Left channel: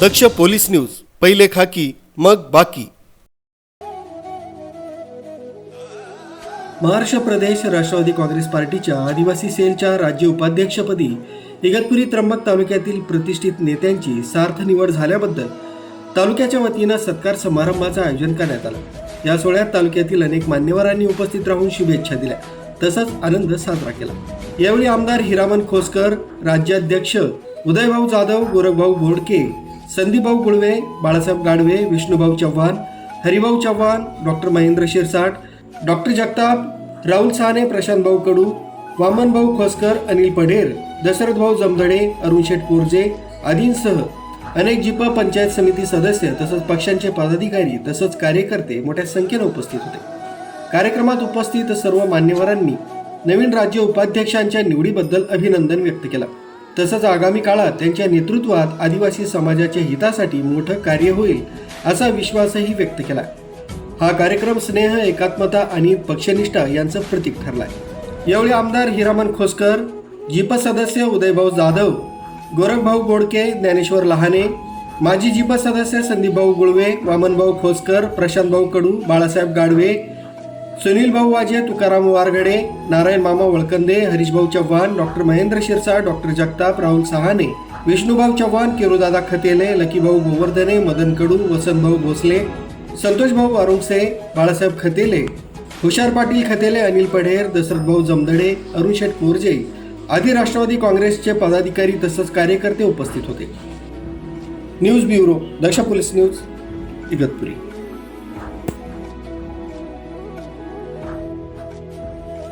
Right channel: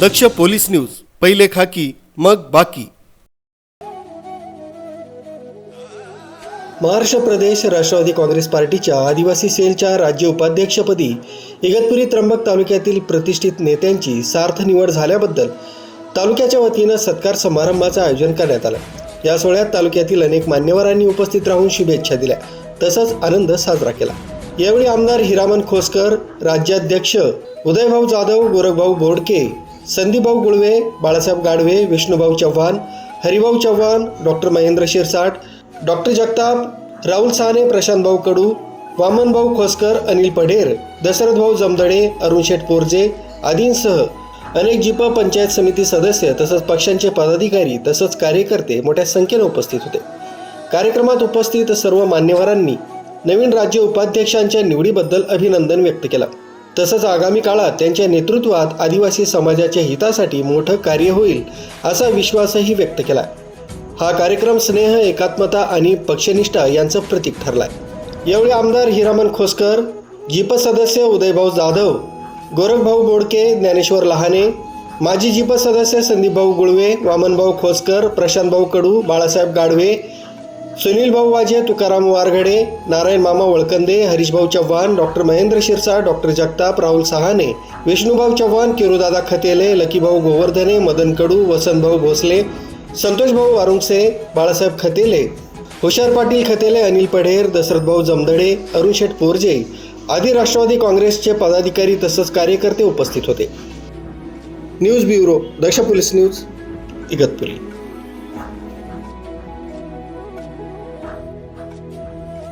दक्ष police news पहिले खाकी मग बाकी. महाराष्ट्र प्रदेश राष्ट्रवादी काँग्रेस पार्टीच्या आदिवासी सेलच्या राज्य उपाध्यक्षपदी इगतपुरी त्र्यंबक तालुक्यातील प्रतिष्ठित नेत्यांची सार्थ निवड झाल्याबद्दल तालुक्याच्या वतीनं सत्कार समारंभाचं आयोजन करण्यात आलं. या सोहळ्यात तालुक्यातील अनेक मान्यवरांनी उपस्थित राहून शुभेच्छा दिल्या. तसंच आनंद साजरा केला. यावेळी आमदार हिरामन खोसकर राज्याध्यक्ष उदयभाऊ जाधव गोरखभाऊ बोडके संदीपभाऊ गुळवे बाळासाहेब गाडवे विष्णुभाऊ चव्हाण हरिभाऊ चव्हाण डॉक्टर महेंद्र शिरसाट डॉक्टर जगताप राहुल साने प्रशांत भाऊ कडू वामनभाऊ खोसकर अनिल पढेर दशरथभाऊ जमदडे अरुण शेठ पोरजे आदींसह अनेक जिप पंचायत समिती सदस्य तसंच पक्षांचे पदाधिकारी तसंच कार्यकर्ते मोठ्या संख्येनं उपस्थित होते. कार्यक्रमात उपस्थित सर्व मान्यवरांनी नवीन राज्य उपाध्यक्षांच्या निवडीबद्दल अभिनंदन व्यक्त केलं. तसंच आगामी काळात त्यांच्या नेतृत्वात आदिवासी समाजाच्या हितासाठी मोठं कार्य होईल असा विश्वासही व्यक्त केला. हा कार्यक्रम स्नेह एकात्मता आणि पक्षनिष्ठा यांचं प्रतीक ठरलाय. यावेळी आमदार हिरामन खोसकर जीप सदस्य उदयभाऊ जाधव गोरखभाऊ बोडके ज्ञानेश्वर लहाने माजी जीप सदस्य संदीपभाऊ गुळवे वामनभाऊ खोसकर प्रशांतभाऊ कडू बाळासाहेब गाडवे सुनील भाऊ वाजे तुकाराम वारगडे नारायण मामा वळकंदे हरीशभाऊ चव्हाण डॉक्टर महेंद्र शिरसाट डॉक्टर जगताप राहुल सहाने विष्णुभाऊ चव्हाण किरुदादा खतेले लकीभाऊ गोवर्धने मदन कडू वसंतभाऊ भोसले संतोषभाऊ वारुंगसे बाळासाहेब खतेले हुशार पाटील खतेले अनिल पढेर दशरथभाऊ जमदडे अरुण शेठ पोरजे आदी राष्ट्रवादी काँग्रेसचे पदाधिकारी तसंच कार्यकर्ते उपस्थित होते. News bureau Daksh police news Igatpuri.